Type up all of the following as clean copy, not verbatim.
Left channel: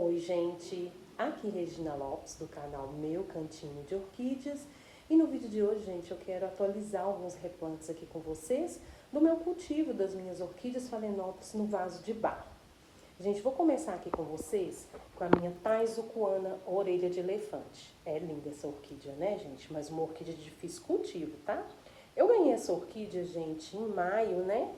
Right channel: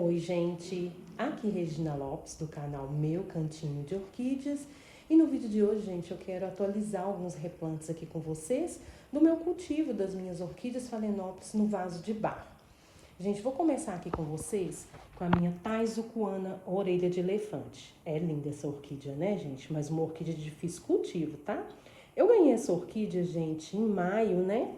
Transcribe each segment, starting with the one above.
Oi, gente! Aqui Regina Lopes, do canal Meu Cantinho de Orquídeas. E no vídeo de hoje, gente, eu quero atualizar alguns replantes aqui com vocês do meu cultivo das minhas orquídeas Phalaenopsis no vaso de barro. Gente, vou começar aqui com vocês com a minha Taizucuana orelha de elefante. É linda essa orquídea, né, gente? Mas uma orquídea de difícil cultivo, tá? Eu ganhei essa orquídea, gente, em maio, né?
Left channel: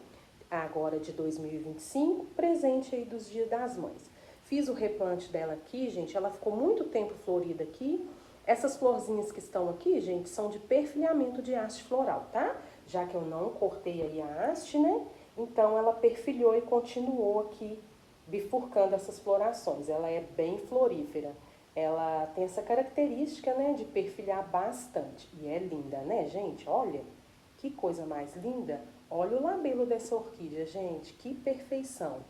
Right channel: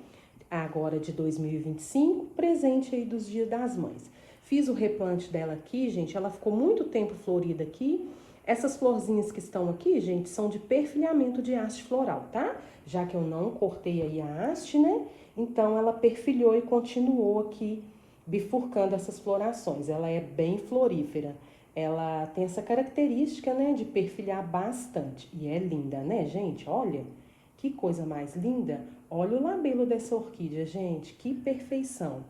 Agora de 2025, presente aí dos Dias das Mães. Fiz o replante dela aqui, gente, ela ficou muito tempo florida aqui. Essas florzinhas que estão aqui, gente, são de perfilhamento de haste floral, tá? Já que eu não cortei aí a haste, né? Então, ela perfilhou e continuou aqui bifurcando essas florações. Ela é bem florífera. Ela tem essa característica, né, de perfilhar bastante. E é linda, né, gente? Olha, que coisa mais linda. Olha o labelo dessa orquídea, gente, que perfeição.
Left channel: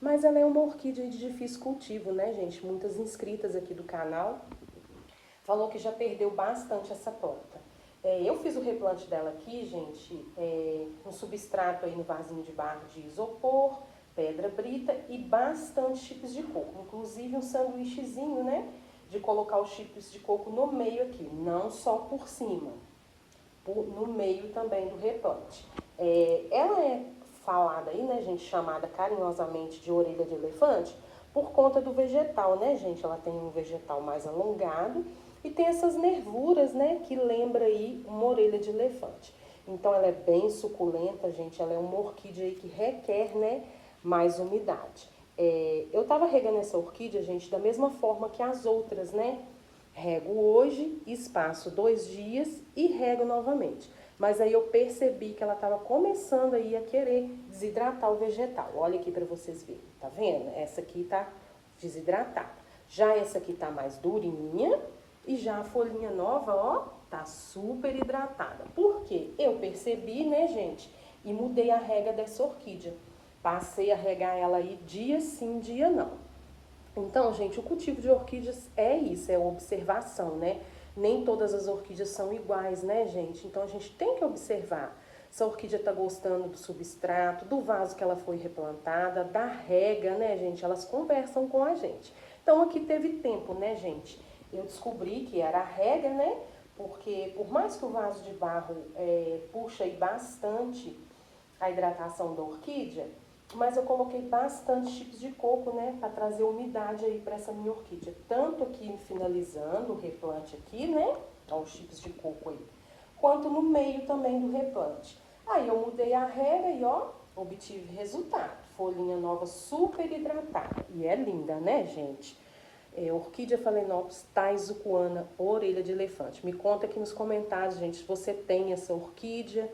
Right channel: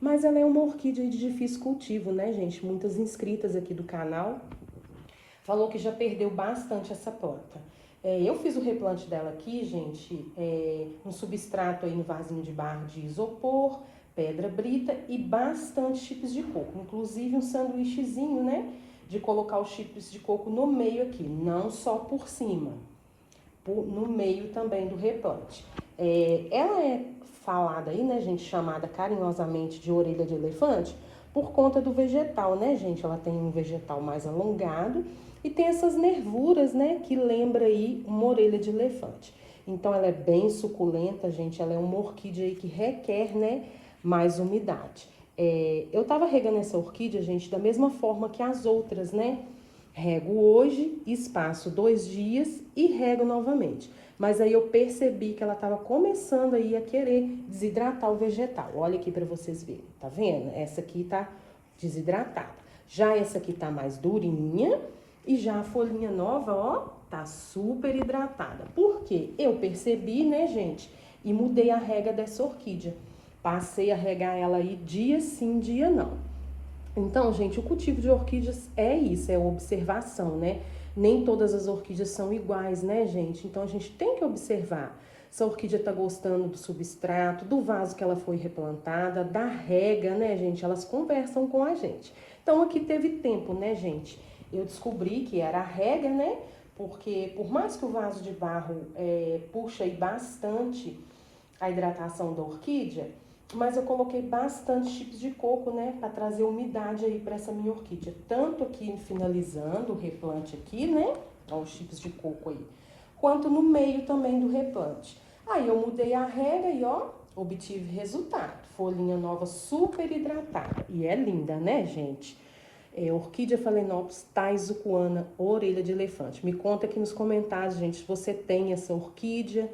Mas ela é uma orquídea de difícil cultivo, né, gente? Muitas inscritas aqui do canal falou que já perdeu bastante essa planta. Eu fiz o replante dela aqui, gente, um substrato aí no vasinho de barro de isopor, pedra brita e bastante chips de coco. Inclusive um sanduíchezinho, né, de colocar os chips de coco no meio aqui, não só por cima, no meio também do replante. Ela é falada aí, né, gente, chamada carinhosamente de orelha de elefante, por conta do vegetal, né, gente? Ela tem um vegetal mais alongado e tem essas nervuras, né, que lembra aí uma orelha de elefante. Então, ela é bem suculenta, gente. Ela é uma orquídea aí que requer, né, mais umidade. Eu tava regando essa orquídea, gente, da mesma forma que as outras, né? Rego hoje, espaço 2 dias e rego novamente. Mas aí eu percebi que ela estava começando aí a querer desidratar o vegetal. Olha aqui para vocês verem, tá vendo? Essa aqui tá desidratada. Já essa aqui tá mais durinha e já a folhinha nova, ó, tá super hidratada. Por quê? Eu percebi, né, gente, e mudei a rega dessa orquídea. Passei a regar ela aí dia sim, dia não. Então, gente, o cultivo de orquídeas é isso, é observação, né? Nem todas as orquídeas são iguais, né, gente? Então, a gente tem que observar se a orquídea tá gostando do substrato, do vaso que ela foi replantada, da rega, né, gente? Elas conversam com a gente. Então, aqui teve tempo, né, gente? Eu descobri que era a rega, né? Porque, por mais que o vaso de barro puxa aí bastante a hidratação da orquídea, mas eu coloquei bastante chips de coco, né, para trazer umidade aí para essa minha orquídea. Tanto aqui finalizando o replante aqui, né, ó, os chips de coco aí, quanto no meio também do replante. Aí eu mudei a rega e ó, obtive resultado. Folhinha nova super hidratada. E é linda, né, gente? Orquídea Phalaenopsis taizucuana, orelha de elefante. Me conta aqui nos comentários, gente, se você tem essa orquídea,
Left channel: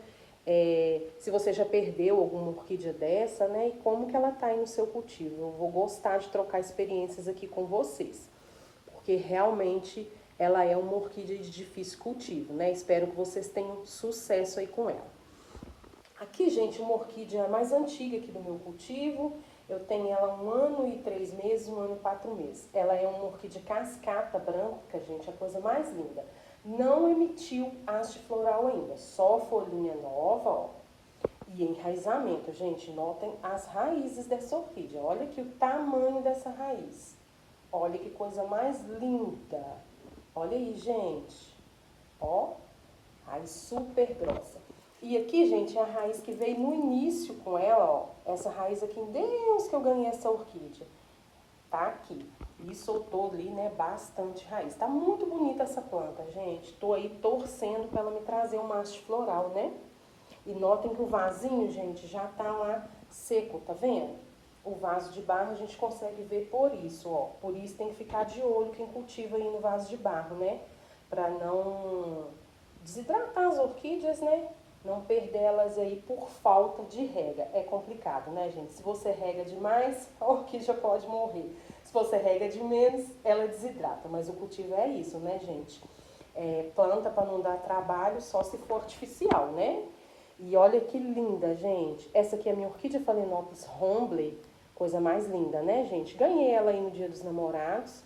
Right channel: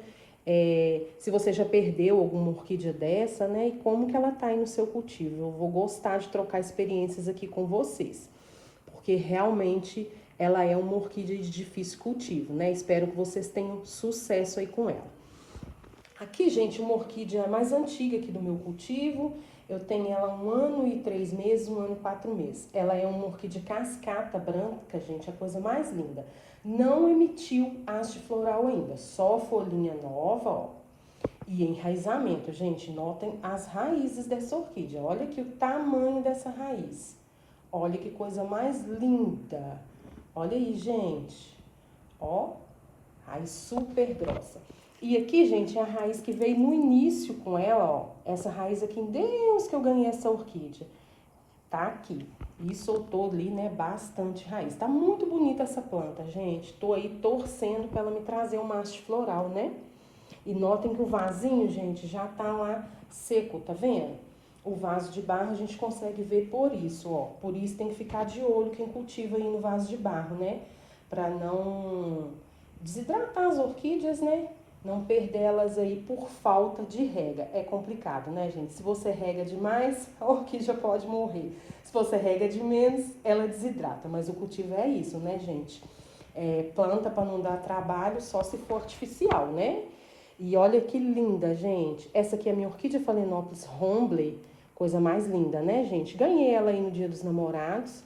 se você já perdeu alguma orquídea dessa, né? E como que ela tá aí no seu cultivo. Eu vou gostar de trocar experiências aqui com vocês, porque realmente ela é uma orquídea de difícil cultivo, né? Espero que vocês tenham sucesso aí com ela. Aqui, gente, uma orquídea mais antiga aqui do meu cultivo. Eu tenho ela 1 ano e 3 meses, 1 ano e 4 meses. Ela é uma orquídea cascata branca, gente, a coisa mais linda. Não emitiu haste floral ainda, só folhinha nova, ó. E enraizamento, gente, notem as raízes dessa orquídea. Olha aqui o tamanho dessa raiz. Olha que coisa mais linda. Olha aí, gente. Ó, raiz super grossa. E aqui, gente, é a raiz que veio no início com ela, ó. Essa raiz aqui, Deus que eu ganhei essa orquídea. Tá aqui. E soltou ali, né, bastante raiz. Tá muito bonita essa planta, gente. Tô aí torcendo pra ela me trazer uma haste floral, né? E notem que o vasinho, gente, já tá lá seco, tá vendo? O vaso de barro a gente consegue ver por isso, ó. Por isso tem que ficar de olho quem cultiva aí no vaso de barro, né? Pra não desidratar as orquídeas, né? Não perder elas aí por falta de rega. É complicado, né, gente? Se você rega demais, a orquídea pode morrer. Se você rega de menos, ela desidrata. Mas o cultivo é isso, né, gente? Planta para não dar trabalho só se for artificial, né? E olha que linda, gente. Essa aqui é a minha orquídea Phalaenopsis Hombley. Coisa mais linda, né, gente? Ganhei ela aí no Dia dos Namorados.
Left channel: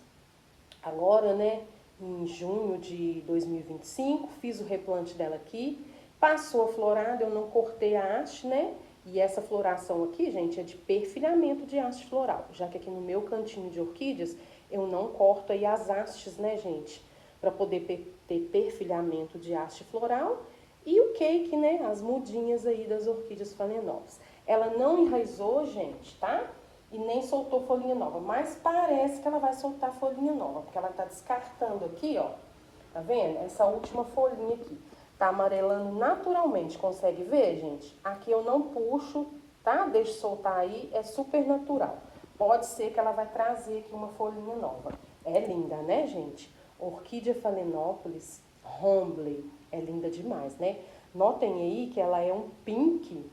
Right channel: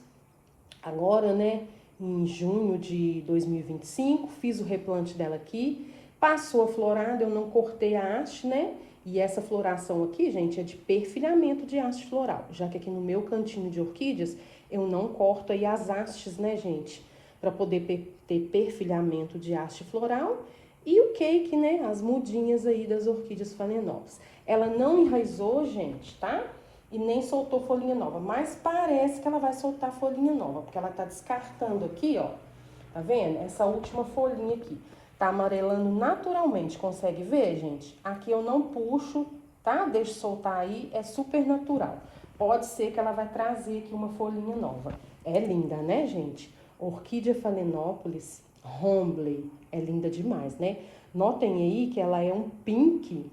Agora, né, em junho de 2025, fiz o replante dela aqui. Passou a florada, eu não cortei a haste, né? E essa floração aqui, gente, é de perfilhamento de haste floral, já que aqui no meu cantinho de orquídeas eu não corto aí as hastes, né, gente? Para poder ter perfilhamento de haste floral e o cake, né, as mudinhas aí das orquídeas Phalaenopsis. Ela não enraizou, gente, tá? E nem soltou folhinha nova, mas parece que ela vai soltar folhinha nova, porque ela tá descartando aqui, ó. Tá vendo? Essa última folhinha aqui. Tá amarelando naturalmente, consegue ver, gente? Aqui eu não puxo, tá? Deixo soltar aí, é super natural. Pode ser que ela vai trazer aqui uma folhinha nova. É linda, né, gente? Orquídea Phalaenopsis Hombley. É linda demais, né? Notem aí que ela é um pink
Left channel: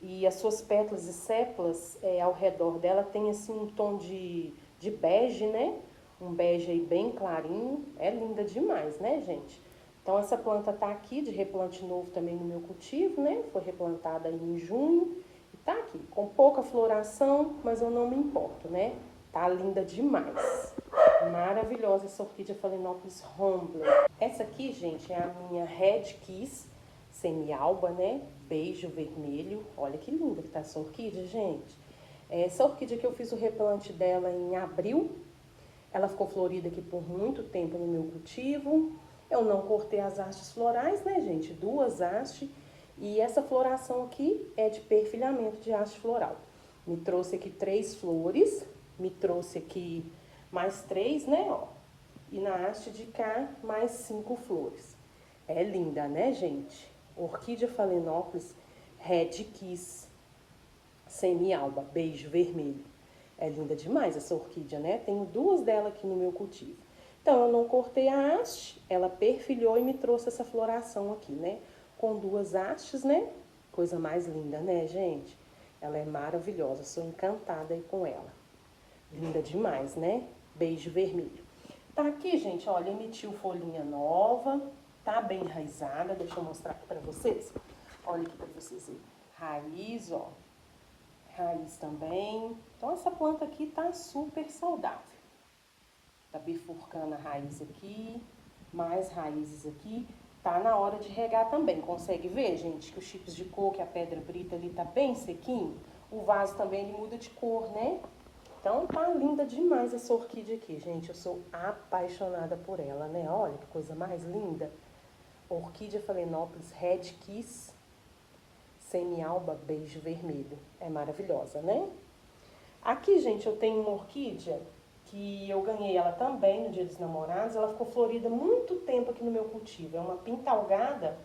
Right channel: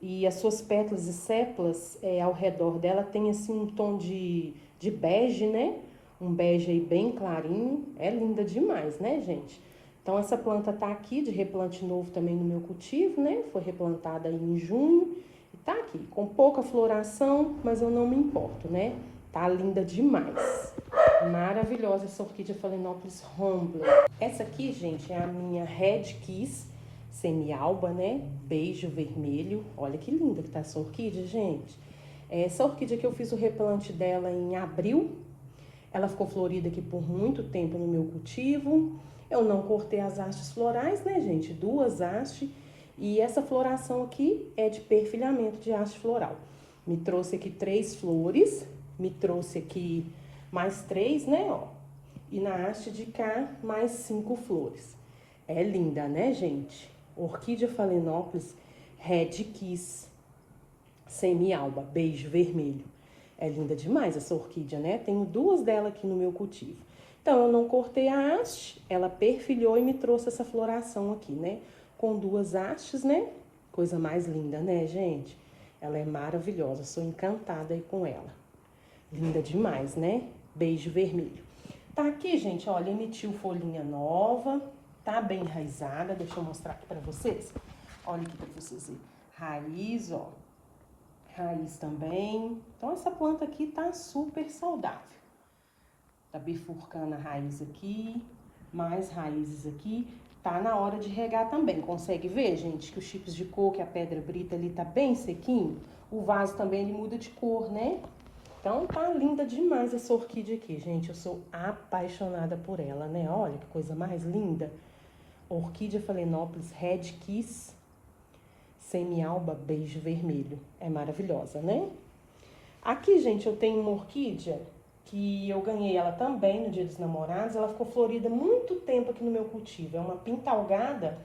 e as suas pétalas e sépalas ao redor dela tem assim um tom de bege, né? Um bege aí bem clarinho. É linda demais, né, gente? Então, essa planta tá aqui de replante novo também no meu cultivo, né? Foi replantada aí em junho. Tá aqui, com pouca floração, mas eu não me importo, né? Tá linda demais. Maravilhosa essa orquídea Phalaenopsis Hombley. Essa aqui, gente, é a minha Red Kiss semialba, né? Beijo vermelho. Olha que linda que tá essa orquídea, gente. Essa orquídea que eu fiz o replante dela em abril. Ela ficou florida aqui por muito tempo no meu cultivo. Eu não cortei as hastes florais, né, gente? 2 hastes. E essa floração aqui é de perfilhamento de haste floral. Me trouxe aqui 3 flores. Me trouxe aqui mais 3, né, ó. E na haste de cá, mais 5 flores. É linda, né, gente? Orquídea Phalaenopsis Red Kiss semi-alba, beijo vermelho. É linda demais essa orquídea, né? Tenho 2 dela aqui no meu cultivo. Então, eu não cortei a haste, ela perfilhou e me trouxe essa floração aqui, né? Com 2 hastes, né? Coisa mais linda, né, gente? Ela é maravilhosa, sou encantada aí com ela. Linda demais, né? Beijo vermelho. Tá aqui, gente, olha, emitiu folhinha nova, tá bem enraizada. Deixa eu mostrar aqui pra vocês. Olha aqui pra vocês verem. Raiz, ó. Raiz também. Então, essa planta aqui tá super saudável. Tá bifurcando a raiz aqui, mais raízes aqui. Tá na hora de regar também. Consegue ver, gente, que os chips de coco e a pedra brita ali tá bem sequinho? O vaso também, ele muda de cor, né? Então, tá linda demais essa orquídea aqui, gente. Eu sou apaixonada por ela, né? Olha que coisa mais linda. Orquídea Phalaenopsis Red Kiss semi-alba beijo vermelho. É maravilhosa, né? Aqui, gente, eu tenho uma orquídea que eu ganhei ela também no Dia dos Namorados. Ela ficou florida muito tempo aqui no meu cultivo. É uma pintalgada.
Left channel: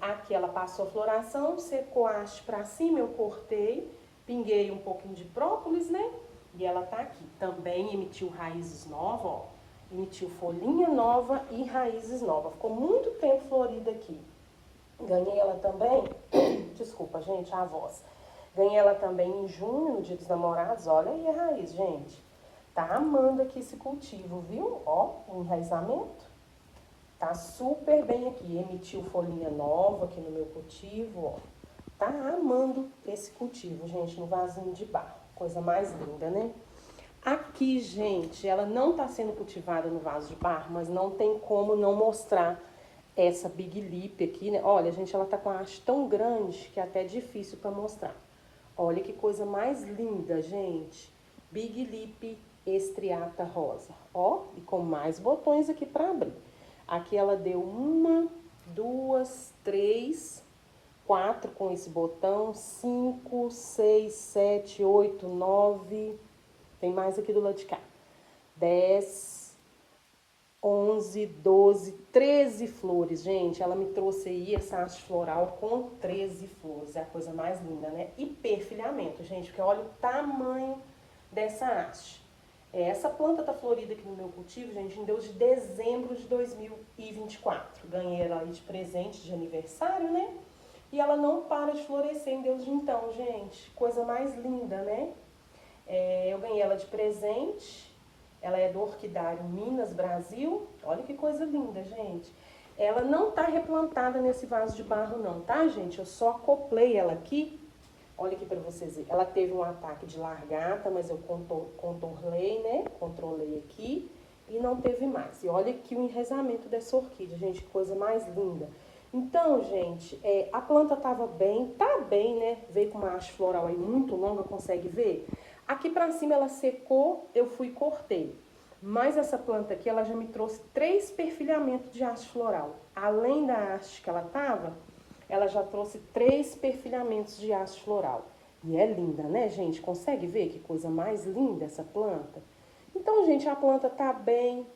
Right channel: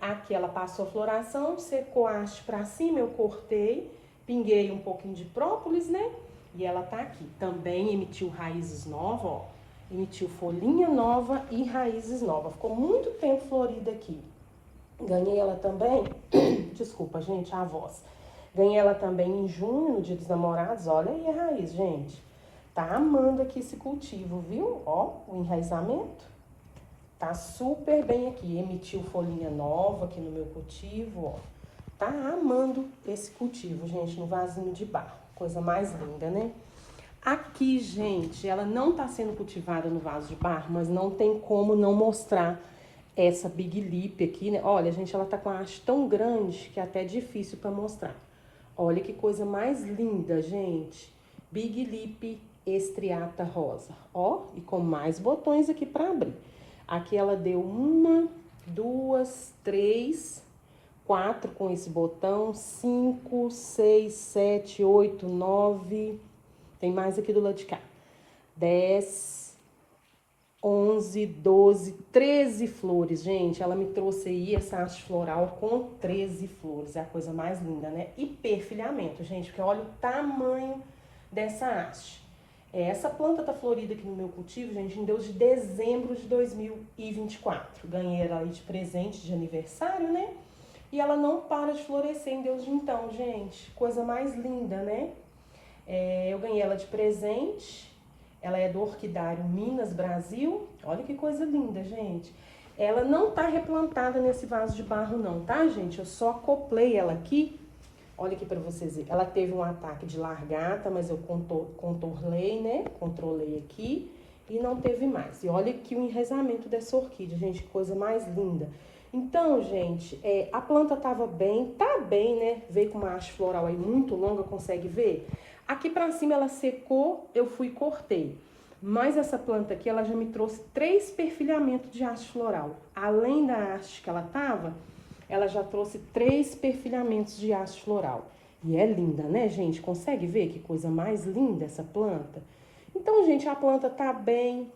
Aqui ela passou a floração, secou a haste pra cima, eu cortei, pinguei um pouquinho de própolis, né? E ela tá aqui. Também emitiu raízes novas, ó. Emitiu folhinha nova e raízes novas. Ficou muito tempo florida aqui. Ganhei ela também, desculpa, gente, a voz. Ganhei ela também em junho, no Dia dos Namorados. Olha aí a raiz, gente. Tá amando aqui esse cultivo, viu? Ó, o enraizamento. Tá super bem aqui. Emitiu folhinha nova aqui no meu cultivo, ó. Tá amando esse cultivo, gente, no vasinho de barro. Coisa mais linda, né? Aqui, gente, ela não tá sendo cultivada no vaso de barro, mas não tem como não mostrar essa Big Lip aqui, né? Olha, gente, ela tá com a haste tão grande que é até difícil pra mostrar. Olha que coisa mais linda, gente. Big Lip estriata rosa. Ó, e com mais botões aqui pra abrir. Aqui ela deu 1, 2, 3, 4 com esse botão, 5, 6, 7, 8, 9. Tem mais aqui do lado de cá. 10, 11, 12, 13 flores, gente. Ela me trouxe aí essa haste floral com 13 flores. É a coisa mais linda, né? E perfilhamento, gente, porque olha o tamanho dessa haste. Essa planta tá florida aqui no meu cultivo, gente, em Deus de dezembro de 2024. Ganhei ela aí de presente de aniversário, né? E ela não para de florescer em Deus de então, gente. Coisa mais linda, né? Eu ganhei ela de presente. Ela é do Orquidário Minas Brasil. Olha que coisa linda, gente. Ela não tá replantada nesse vaso de barro não, tá, gente? Eu só acoplei ela aqui. Olha aqui pra vocês verem. Ela teve um ataque de largata, mas eu contornei, né? Controlei aqui e não teve mais. E olha aqui o enraizamento dessa orquídea, gente. Que coisa mais linda. Então, gente, a planta tava bem, tá bem, né? Veio com uma haste floral aí muito longa, consegue ver? Aqui pra cima ela secou, eu fui e cortei. Mas essa planta aqui, ela já me trouxe 3 perfilhamentos de haste floral. Além da haste que ela tava, ela já trouxe 3 perfilhamentos de haste floral. E é linda, né, gente? Consegue ver que coisa mais linda essa planta? Então, gente, a planta tá bem,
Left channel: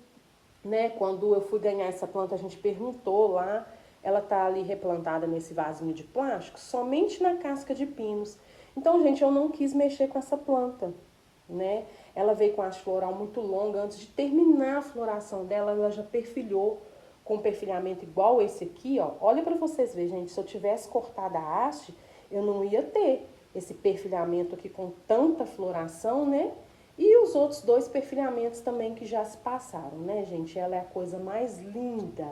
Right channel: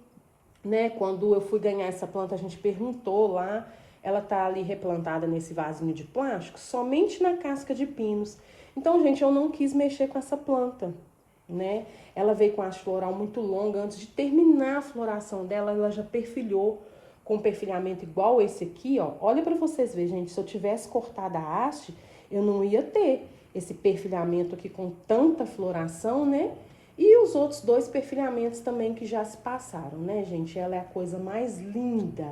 né? Quando eu fui ganhar essa planta, a gente perguntou lá. Ela tá ali replantada nesse vasinho de plástico, somente na casca de pinos. Então, gente, eu não quis mexer com essa planta, né? Ela veio com a haste floral muito longa. Antes de terminar a floração dela, ela já perfilhou com um perfilhamento igual esse aqui, ó. Olha pra vocês verem, gente, se eu tivesse cortado a haste, eu não ia ter esse perfilhamento aqui com tanta floração, né? E os outros 2 perfilhamentos também que já se passaram, né, gente? Ela é a coisa mais linda.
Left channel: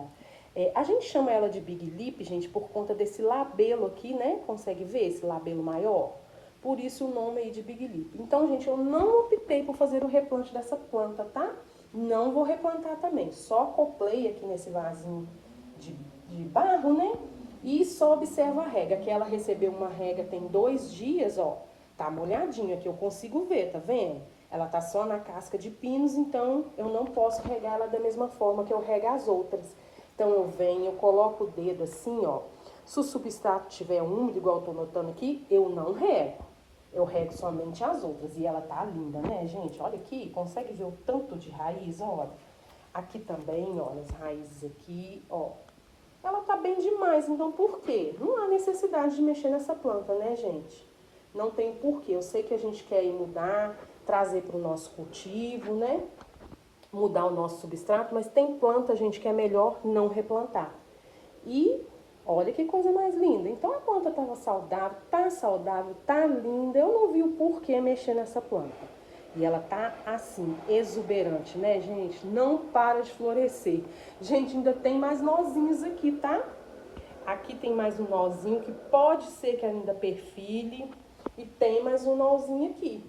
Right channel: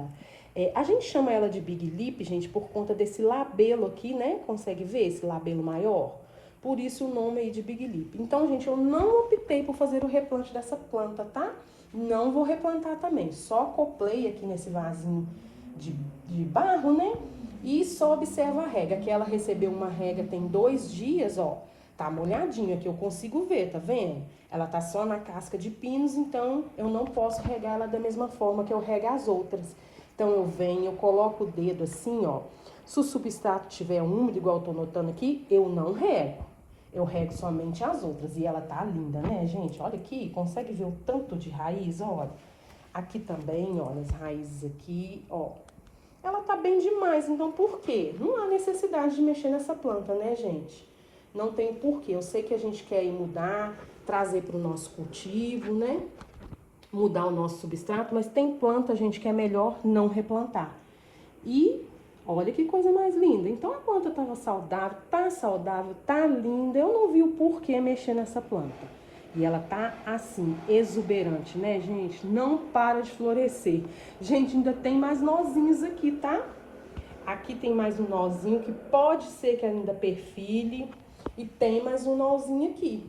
A gente chama ela de Big Lip, gente, por conta desse labelo aqui, né? Consegue ver esse labelo maior? Por isso o nome aí de Big Lip. Então, gente, eu não optei por fazer o replante dessa planta, tá? Não vou replantar também. Só acoplei aqui nesse vasinho de barro, né? E só observa a rega, que ela recebeu uma rega tem 2 dias, ó. Tá molhadinha aqui, eu consigo ver, tá vendo? Ela tá só na casca de pinos, então eu não posso regar ela da mesma forma que eu rego as outras. Então eu venho, eu coloco o dedo assim, ó. Se o substrato tiver úmido, igual eu tô notando aqui, eu não rego. Eu rego somente as outras. E ela tá linda, né, gente? Olha aqui, consegue ver o tanto de raiz, olha. Aqui também, olha, as raízes aqui, ó. Ela tá bem demais, então por quê? Não há necessidade de mexer nessa planta, né, gente? Não tem porquê. Eu sei que a gente quer ir mudar, trazer para o nosso cultivo, né? Mudar o nosso substrato, mas tem planta, gente, que é melhor não replantar. E olha que coisa mais linda. Então a planta estava saudável, tá linda. Eu não vi o porquê mexer nessa planta. E ela tá assim, exuberante, né, gente? Não para de florescer. Gente, ainda tem mais nozinhos aqui, tá? Aqui tem mais um nozinho que pode ser que ainda perfile. E tem mais um nozinho aqui.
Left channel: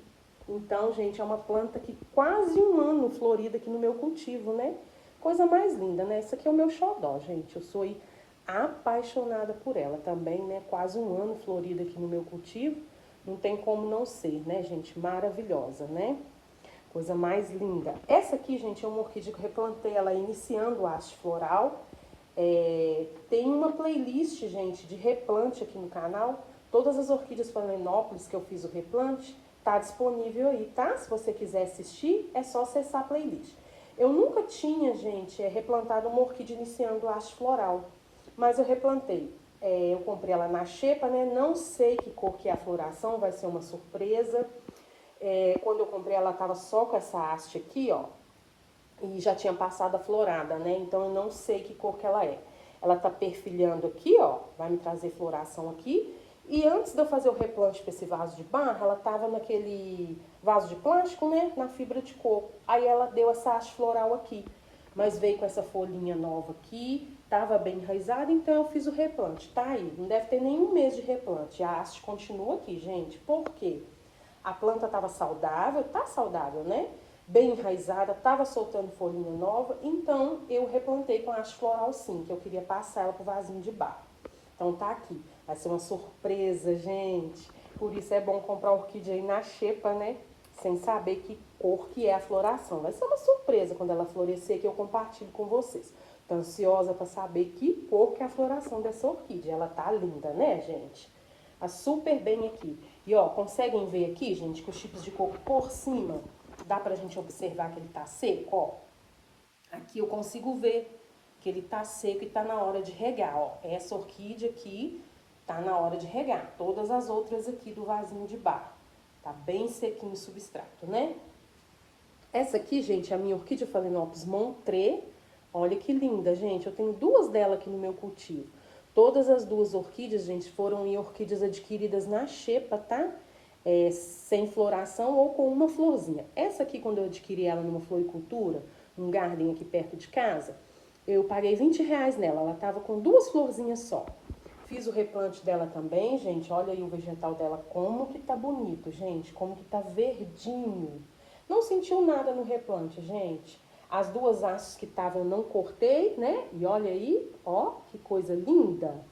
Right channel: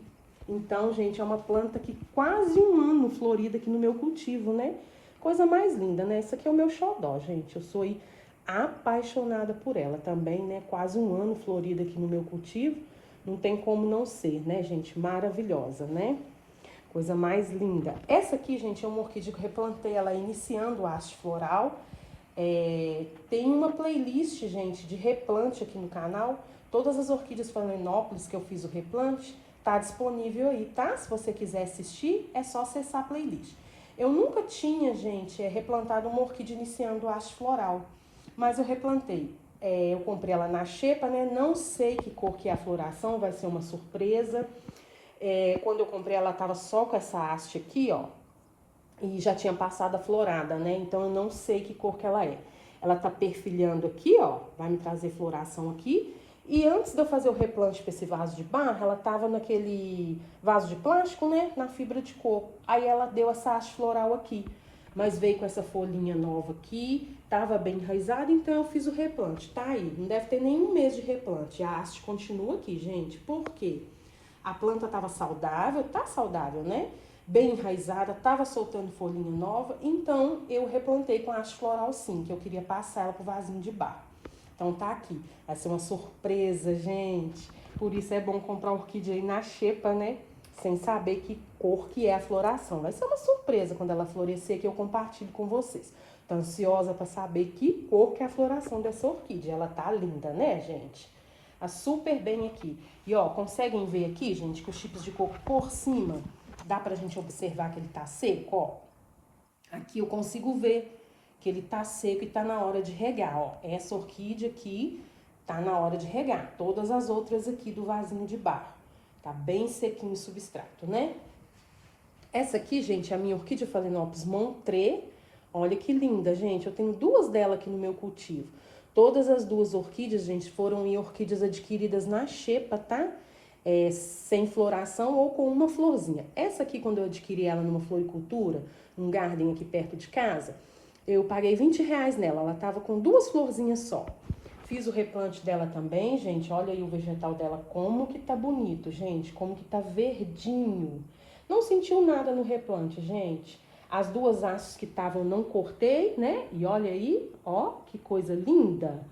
Então, gente, é uma planta que quase um ano florida aqui no meu cultivo, né? Coisa mais linda, né? Isso aqui é o meu xodó, gente. Eu sou apaixonada por ela também, né? Quase um ano florida aqui no meu cultivo. Não tem como não ser, né, gente? Maravilhosa, né? Coisa mais linda. Essa aqui, gente, é uma orquídea que eu replantei ela iniciando a haste floral. Tem uma playlist, gente, de replante aqui no canal. Todas as orquídeas Phalaenopsis que eu fiz o replante, tá disponível aí, tá? Se você quiser assistir, é só acessar a playlist. Eu nunca tinha, gente, replantado uma orquídea iniciando a haste floral, mas eu replantei. Eu comprei ela na xepa, né? Não sei que cor que é a floração, vai ser uma surpresa. Quando eu comprei, ela tava só com essa haste aqui, ó. E já tinha passado a florada, né? Então eu não sei que cor que ela é. Ela tá perfilhando aqui, ó. Vai me trazer floração aqui. E antes de eu fazer o replante para esse vaso de barro, ela tava naquele vaso de plástico, né? Na fibra de coco. Aí ela deu essa haste floral aqui. Mas veio com essa folhinha nova aqui. Tava bem enraizada, então eu fiz o replante. Tá aí. Não deve ter nenhum mês de replante. A haste continua aqui, gente. Por quê? A planta tava saudável, tá saudável, né? Bem enraizada, tava soltando folhinha nova, então eu replantei com a haste floral sim, que eu queria passar ela pro vasinho de barro. Então tá aqui, vai ser uma surpresa, gente. Por isso é bom comprar orquídea aí na xepa, né? Sem saber que cor que é a floração. Vai ser uma surpresa quando ela florescer que eu compartilho com vocês. Tô ansiosa para saber que cor que é a floração dessa orquídea. Ela tá linda, né, gente? Tá super bem aqui. E ó, conseguem ver aqui, gente, que os chips de coco por cima, dá pra gente observar que ele tá seco, ó. Aqui eu consigo ver que ele tá seco e tá na hora de regar, ó. Essa orquídea aqui tá na hora de regar. Todas as outras aqui do vasinho de barro. Tá bem sequinho o substrato, né? Essa aqui, gente, é a minha orquídea Phalaenopsis Montré. Olha que linda, gente. Eu tenho 2 dela aqui no meu cultivo. Todas as 2 orquídeas, gente, foram em orquídeas adquiridas na xepa, tá? Sem floração ou com uma florzinha. Essa aqui, quando eu adquiri ela numa floricultura, um garden aqui perto de casa, eu paguei R$ 20 nela. Ela tava com 2 florzinhas só. Fiz o replante dela também, gente. Olha aí o vegetal dela, como que tá bonito, gente. Como que tá verdinho. Não sentiu nada no replante, gente. As duas hastes que estavam eu não cortei, né? E olha aí, ó, que coisa linda.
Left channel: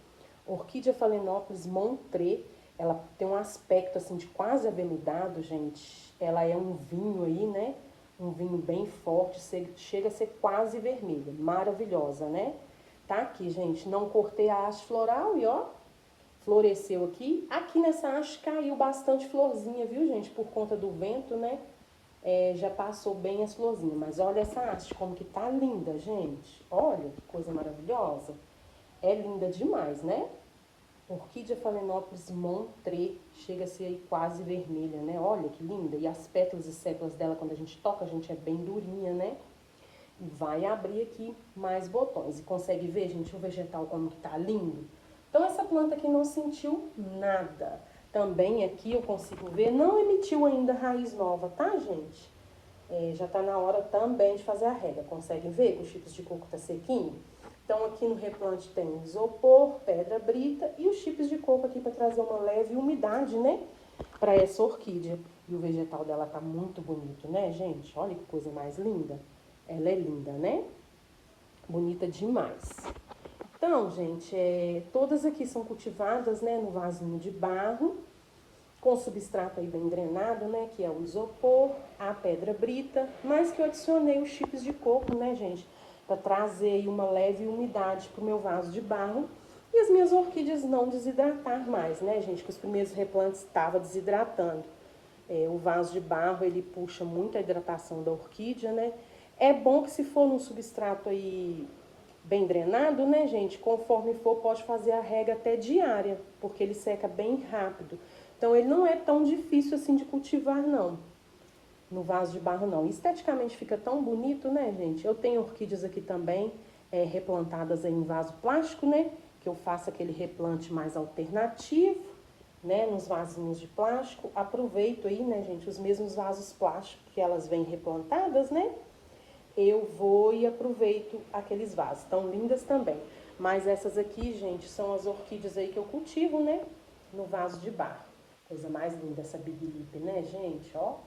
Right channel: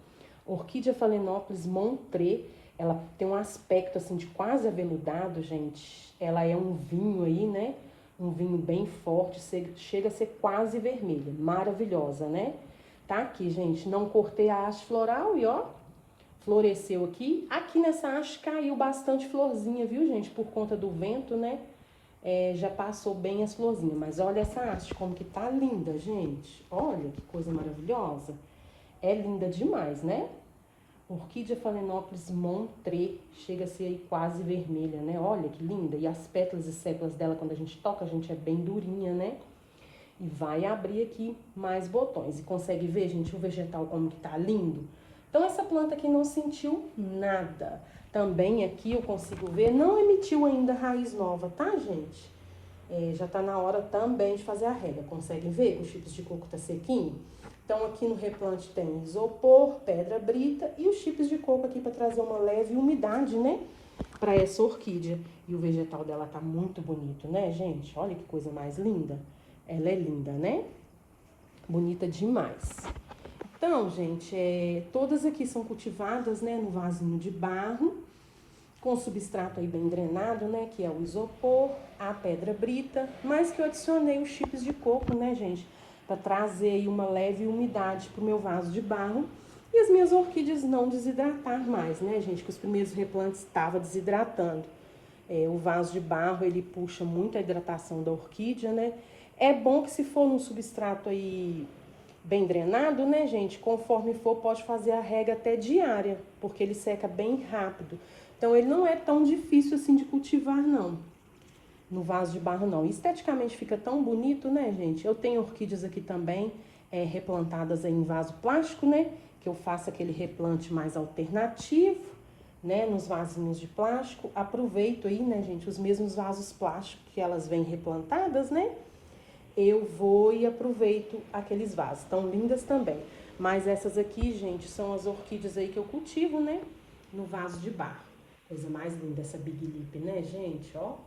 Orquídea Phalaenopsis Montré, ela tem um aspecto assim de quase aveludado, gente. Ela é um vinho aí, né? Um vinho bem forte, chega a ser quase vermelha. Maravilhosa, né? Tá aqui, gente, não cortei a haste floral e ó, floresceu aqui. Aqui nessa haste caiu bastante florzinha, viu, gente? Por conta do vento, né? Já passou bem as florzinhas. Mas olha essa haste, como que tá linda, gente. Olha que coisa maravilhosa. É linda demais, né? Orquídea Phalaenopsis Montré, chega a ser aí quase vermelha, né? Olha que linda. E as pétalas e sépalas dela, quando a gente toca, a gente é bem durinha, né? E vai abrir aqui mais botões. E consegue ver, gente, o vegetal como que tá lindo? Então, essa planta aqui não sentiu nada. Também aqui eu consigo ver, não emitiu ainda raiz nova, tá, gente? Já tá na hora também de fazer a rega. Conseguem ver que os chipos de coco tá sequinho? Então, aqui no replante tem isopor, pedra brita e os chips de coco aqui para trazer uma leve umidade, né? Para essa orquídea. E o vegetal dela tá muito bonito, né, gente? Olha que coisa mais linda. Ela é linda, né? Bonita demais. Então, gente, todas aqui são cultivadas, né, no vasinho de barro, com substrato aí bem drenado, né, que é o isopor, a pedra brita, mas que eu adicionei os chips de coco, né, gente, para trazer aí uma leve umidade pro meu vaso de barro e as minhas orquídeas não desidratar mais, né, gente, que os primeiros replantes estavam desidratando. O vaso de barro, ele puxa muito a hidratação da orquídea, né? É bom que se for num substrato aí bem drenado, né, gente? Conforme for, pode fazer a rega até diária, porque ele seca bem rápido. Então, ele não é tão difícil assim de cultivar, não. No vaso de barro, não. Esteticamente fica tão bonito, né, gente? Eu tenho orquídeas aqui também, replantadas em vaso plástico, né? Que eu faço aquele replante mais alternativo, né? Nos vasinhos de plástico. Aproveito aí, né, gente? Os mesmos vasos plásticos que elas vêm replantadas, né? Eu vou e aproveito aqueles vasos. Tão lindas também. Mas essas aqui, gente, são as orquídeas aí que eu cultivo, né? No vaso de barro. Coisa mais linda essa Big Lip, né, gente? Ó,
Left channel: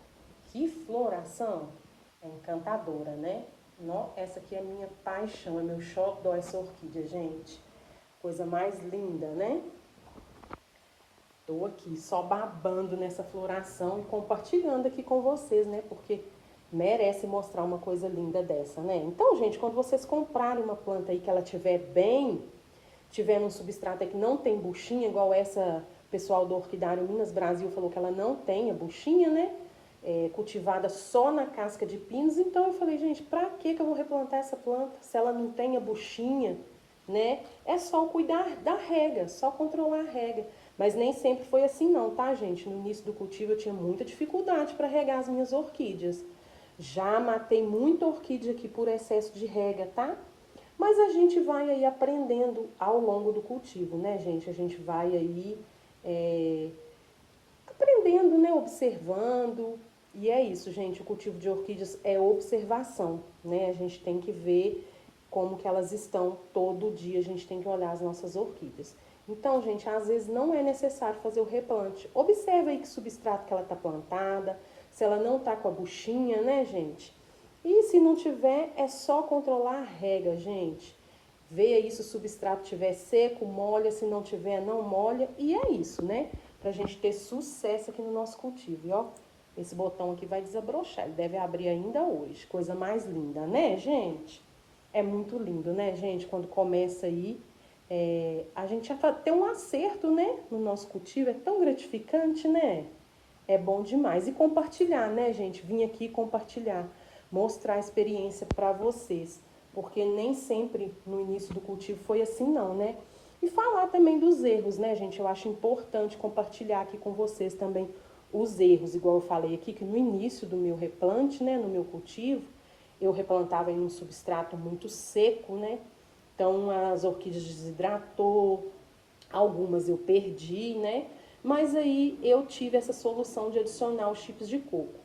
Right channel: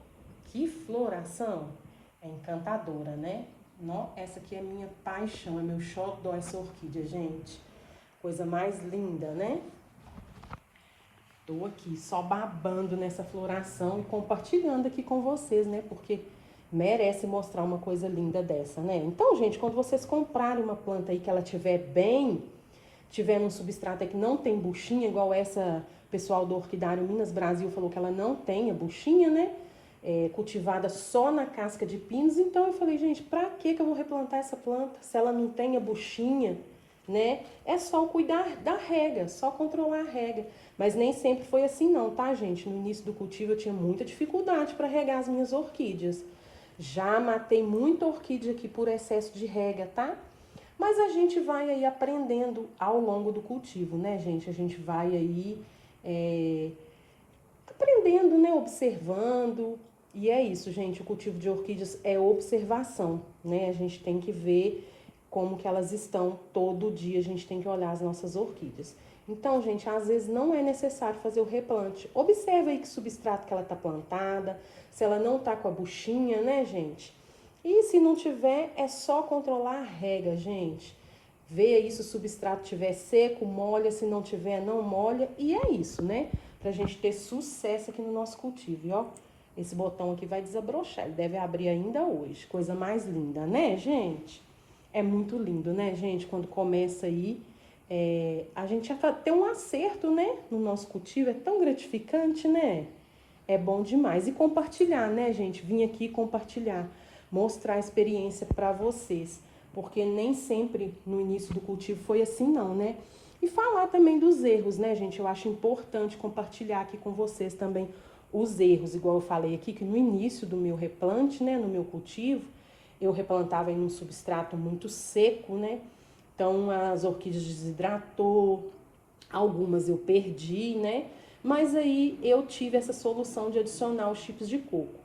que floração. É encantadora, né? Essa aqui é a minha paixão, é meu xodó essa orquídea, gente. Coisa mais linda, né? Tô aqui só babando nessa floração e compartilhando aqui com vocês, né? Porque merece mostrar uma coisa linda dessa, né? Então, gente, quando vocês comprarem uma planta aí que ela tiver bem, tiver num substrato aí que não tem buchinha, igual essa pessoal do Orquidário Minas Brasil falou que ela não tem a buchinha, né? Cultivada só na casca de pinos. Então, eu falei, gente, pra que eu vou replantar essa planta se ela não tem a buchinha, né? É só cuidar da rega, só controlar a rega. Mas nem sempre foi assim não, tá, gente? No início do cultivo eu tinha muita dificuldade para regar as minhas orquídeas. Já matei muita orquídea aqui por excesso de rega, tá? Mas a gente vai aí aprendendo ao longo do cultivo, né, gente? A gente vai aí aprendendo, né? Observando. E é isso, gente. O cultivo de orquídeas é observação, né? A gente tem que ver como que elas estão todo dia. A gente tem que olhar as nossas orquídeas. Então, gente, às vezes não é necessário fazer o replante. Observa aí que substrato que ela tá plantada, se ela não tá com a buchinha, né, gente? E se não tiver, é só controlar a rega, gente. Vê aí se o substrato tiver seco, molha, se não tiver, não molha. E é isso, né? Pra gente ter sucesso aqui no nosso cultivo. E ó, esse botão aqui vai desabrochar, ele deve abrir ainda hoje. Coisa mais linda, né, gente? É muito lindo, né, gente? Quando começa aí, a gente já tem um acerto, né, no nosso cultivo. É tão gratificante, né? É bom demais. E compartilhar, né, gente? Vim aqui compartilhar, mostrar a experiência para vocês. Porque nem sempre no início do cultivo foi assim, não, né? E falar também dos erros, né, gente? Eu acho importante compartilhar aqui com vocês também os erros. Igual eu falei aqui, que no início do meu replante, né, no meu cultivo, eu replantava em um substrato muito seco, né? Então, as orquídeas desidratou, algumas eu perdi, né? Mas aí eu tive essa solução de adicionar os chips de coco.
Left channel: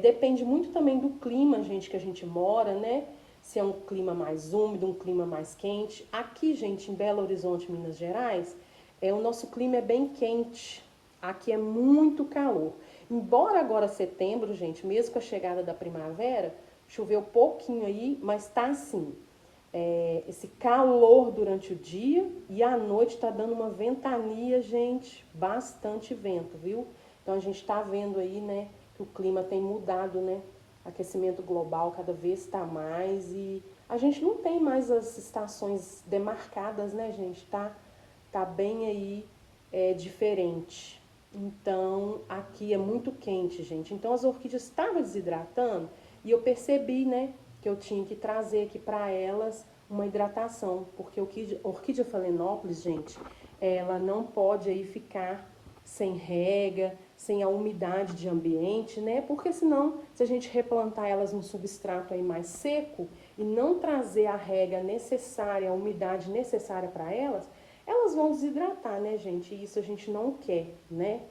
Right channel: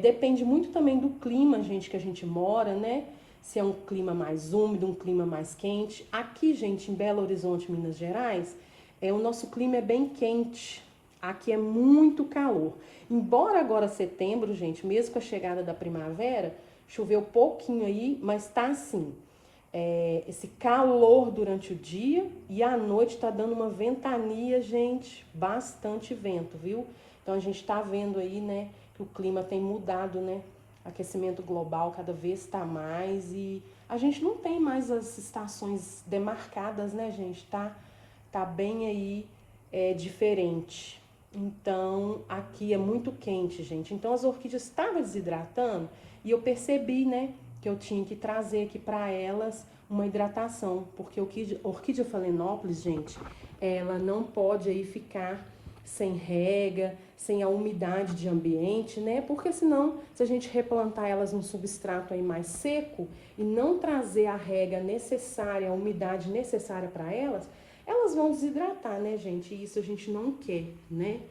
Depende muito também do clima, gente, que a gente mora, né? Se é um clima mais úmido, um clima mais quente. Aqui, gente, em Belo Horizonte, Minas Gerais, o nosso clima é bem quente. Aqui é muito calor. Embora agora setembro, gente, mesmo com a chegada da primavera, Choveu pouquinho aí, mas tá assim, esse calor durante o dia e à noite tá dando uma ventania, gente, bastante vento, viu? Então a gente tá vendo aí, né, que o clima tem mudado, né? Aquecimento global cada vez está mais e a gente não tem mais as estações demarcadas, né, gente? Tá bem aí diferente. Então, aqui é muito quente, gente. Então, as orquídeas estavam desidratando e eu percebi, né, que eu tinha que trazer aqui para elas uma hidratação, porque a orquídea Phalaenopsis, gente, ela não pode aí ficar sem rega, sem a umidade de ambiente, né? Porque senão, se a gente replantar elas num substrato aí mais seco e não trazer a rega necessária, a umidade necessária para elas, elas vão desidratar, né, gente? E isso a gente não quer, né?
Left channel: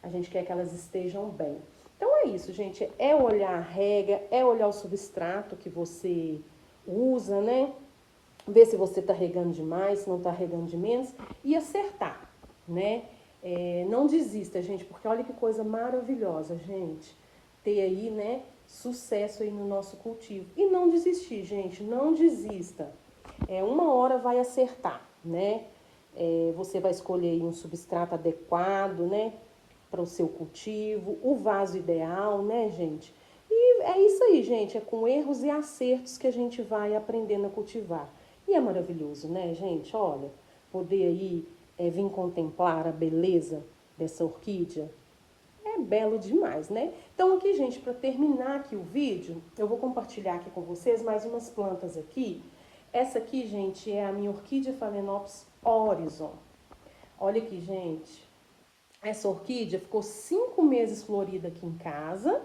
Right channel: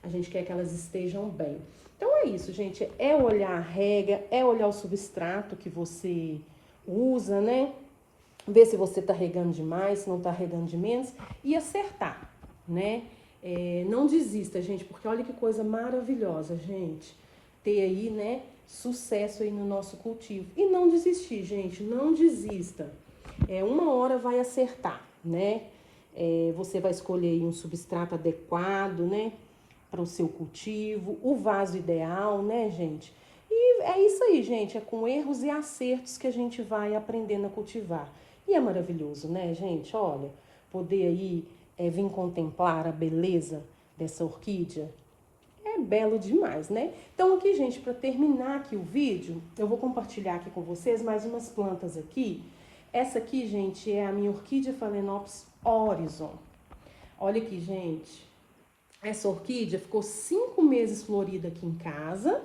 A gente quer que elas estejam bem. Então é isso, gente. É olhar a rega, é olhar o substrato que você usa, né? Ver se você tá regando demais, se não tá regando de menos e acertar, né? Não desista, gente, porque olha que coisa maravilhosa, gente. Ter aí, né, sucesso aí no nosso cultivo. E não desistir, gente, não desista. Uma hora vai acertar, né? Você vai escolher um substrato adequado, né, para o seu cultivo, o vaso ideal, né, gente? E é isso aí, gente, é com erros e acertos que a gente vai aprendendo a cultivar. E é maravilhoso, né, gente? Olha, poder aí vir contemplar a beleza dessa orquídea é belo demais, né? Então aqui, gente, para terminar aqui o vídeo, eu vou compartilhar aqui com vocês mais umas plantas aqui. Essa aqui, gente, é a minha orquídea Phalaenopsis Horizon. Olha aqui, gente. Essa orquídea ficou 5 meses florida aqui em casa.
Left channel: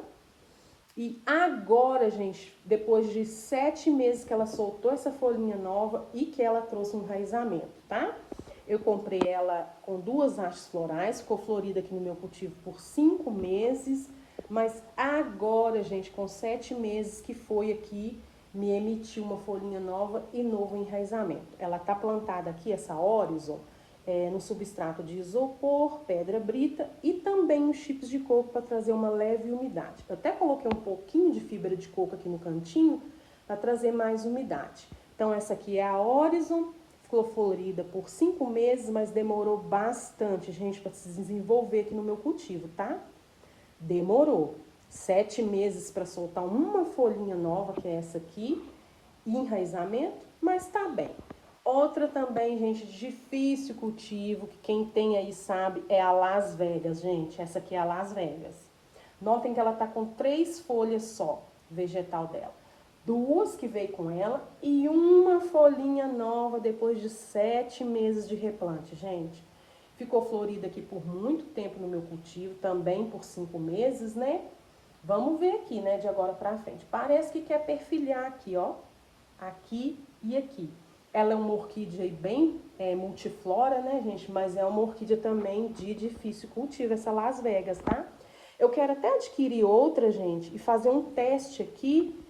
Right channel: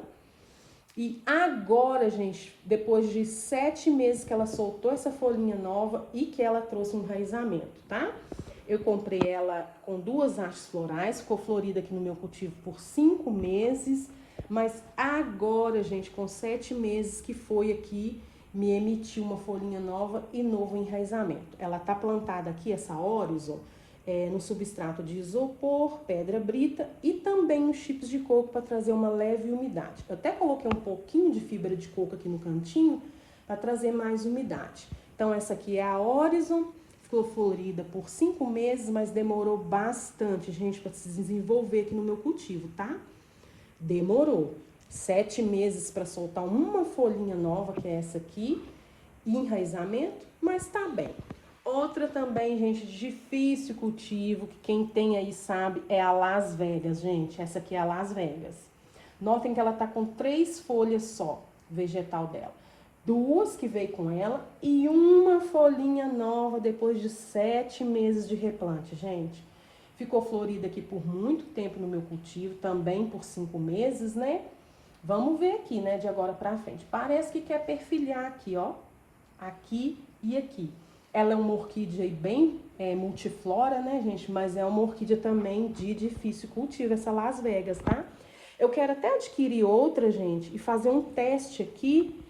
E agora, gente, depois de 7 meses que ela soltou essa folhinha nova e que ela trouxe um enraizamento, tá? Eu comprei ela com 2 hastes florais, ficou florida aqui no meu cultivo por 5 meses. Mas agora, gente, com 7 meses que foi aqui, me emitiu uma folhinha nova e novo enraizamento. Ela tá plantada aqui, essa Horizon, no substrato de isopor, pedra brita e também os chips de coco para trazer uma leve umidade. Eu até coloquei um pouquinho de fibra de coco aqui no cantinho para trazer mais umidade. Então essa aqui é a Horizon, ficou florida por 5 meses, mas demorou bastante, gente, para se desenvolver aqui no meu cultivo, tá? Demorou 7 meses para soltar uma folhinha nova, que é essa aqui, e enraizamento, mas tá bem. Outra também, gente, de difícil cultivo, que quem tem aí sabe, é a Las Vegas, gente. Essa aqui é a Las Vegas. Notem que ela tá com 3 folhas só, vegetal dela. 2 que veio com ela e uma folhinha nova depois de 7 meses de replante, gente. Ficou florida aqui por muito tempo no meu cultivo, também por 5 meses, né? Vamos ver aqui, né, de agora pra frente. Parece que quer perfilhar aqui, ó. Aqui e aqui. Ela é uma orquídea bem multiflora, né, gente? Mas é uma orquídea também de difícil cultivo, essa Las Vegas, tá? Eu quero até adquirir outra, gente, e fazer um teste aqui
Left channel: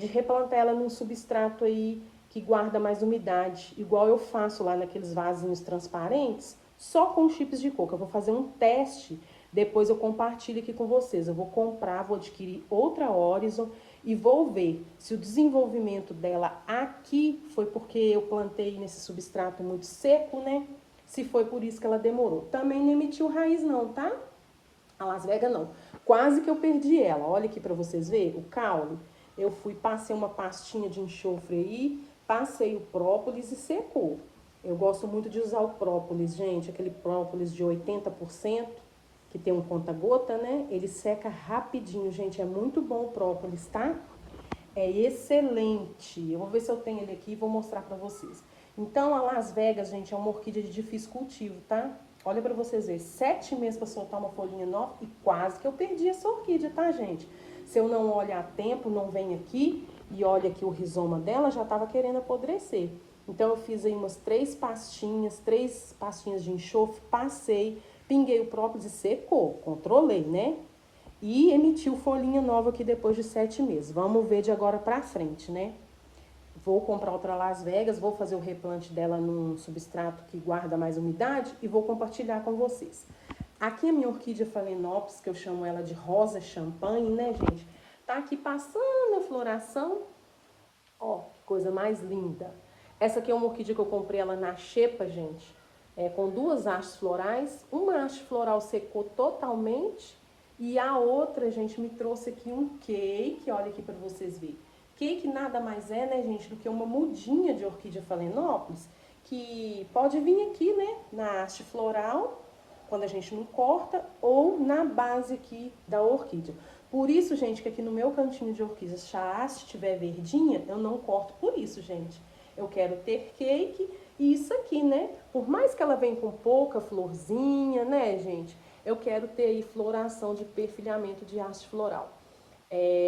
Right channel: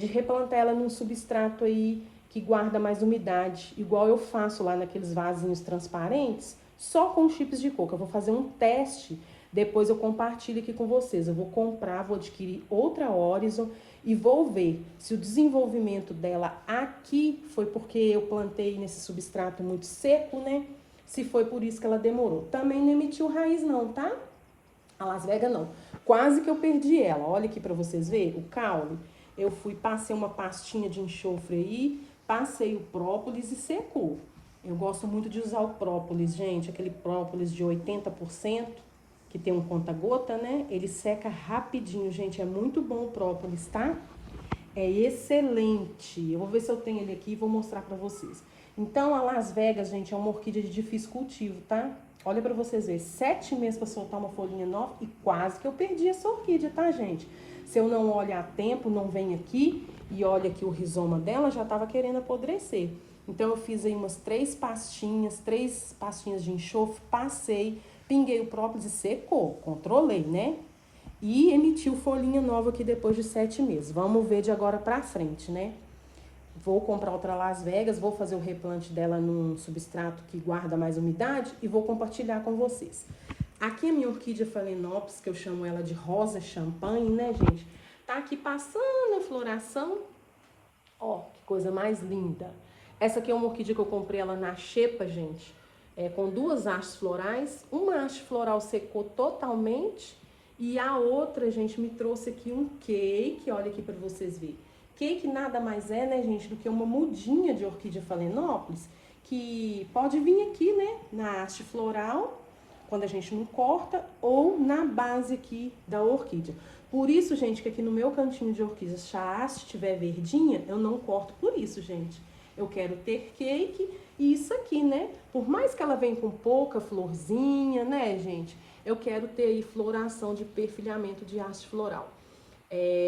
de replantar ela num substrato aí que guarda mais umidade, igual eu faço lá naqueles vasinhos transparentes, só com chips de coco. Eu vou fazer um teste, depois eu compartilho aqui com vocês. Eu vou comprar, vou adquirir outra Horizon e vou ver se o desenvolvimento dela aqui foi porque eu plantei nesse substrato muito seco, né? Se foi por isso que ela demorou. Também não emitiu raiz não, tá? A Las Vegas não. Quase que eu perdi ela. Olha aqui pra vocês verem o caule. Eu passei uma pastinha de enxofre aí, passei o própolis e secou. Eu gosto muito de usar o própolis, gente, aquele própolis de 80%, que tem um conta-gota, né? Ele seca rapidinho, gente, é muito bom o própolis, tá? É excelente. Eu vou ver se eu tenho ele aqui e vou mostrar pra vocês. Então, a Las Vegas, gente, é uma orquídea de difícil cultivo, tá? Olha pra vocês verem, 7 meses pra soltar uma folhinha nova e quase que eu perdi essa orquídea, tá, gente? Se eu não olhar a tempo, não venho aqui e olha aqui o rizoma dela, já tava querendo apodrecer. Então, eu fiz aí umas 3 pastinhas de enxofre, passei, pinguei o própolis e secou, controlei, né? E emitiu folhinha nova aqui depois de 7 meses. Vamos ver de agora pra frente, né? Vou comprar outra Las Vegas, vou fazer o replante dela num substrato que guarda mais umidade e vou compartilhar com vocês. Aqui a minha orquídea Phalaenopsis, que eu chamo ela de rosa champanhe, né, gente? Tá aqui passando a floração. Ó, que coisa mais linda. Essa aqui é uma orquídea que eu comprei ela na xepa, gente. Com duas hastes florais. Uma haste floral secou totalmente. E a outra, gente, me trouxe aqui um cake. Olha aqui pra vocês verem. Cake nada mais é, né, gente, do que uma mudinha de orquídea Phalaenopsis. Que pode vir aqui, né, na haste floral, quando a gente não corta, ou na base aqui da orquídea. Por isso, gente, que aqui no meu cantinho de orquídeas, se a haste estiver verdinha, eu não corto por isso, gente. Eu quero ter cake e isso aqui, né? Por mais que ela venha com pouca florzinha, né, gente? Eu quero ter aí floração de perfilhamento de haste floral.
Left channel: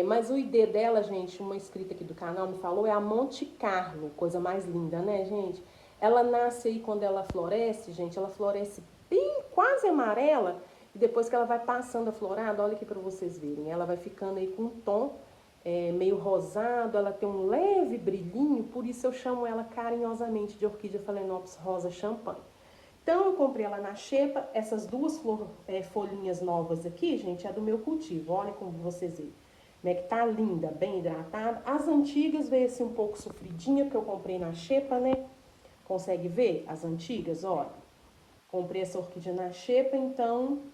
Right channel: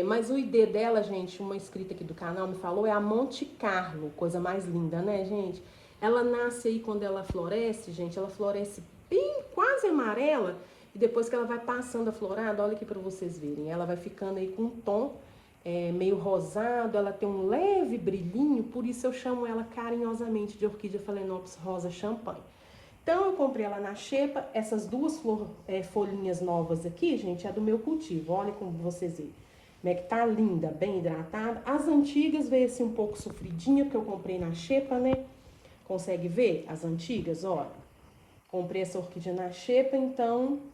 Mas o ID dela, gente, uma inscrita aqui do canal me falou, é a Monte Carlo, coisa mais linda, né, gente? Ela nasce aí quando ela floresce, gente, ela floresce bem quase amarela, e depois que ela vai passando a florada, olha aqui pra vocês verem, ela vai ficando aí com um tom meio rosado, ela tem um leve brilhinho, por isso eu chamo ela carinhosamente de orquídea Phalaenopsis rosa champanhe. Então, eu comprei ela na xepa, essas duas folhinhas novas aqui, gente, é do meu cultivo, olha como vocês veem. Como é que tá linda, bem hidratada. As antigas veio assim um pouco sofridinha, porque eu comprei na xepa, né? Consegue ver as antigas? Olha, comprei essa orquídea na xepa, então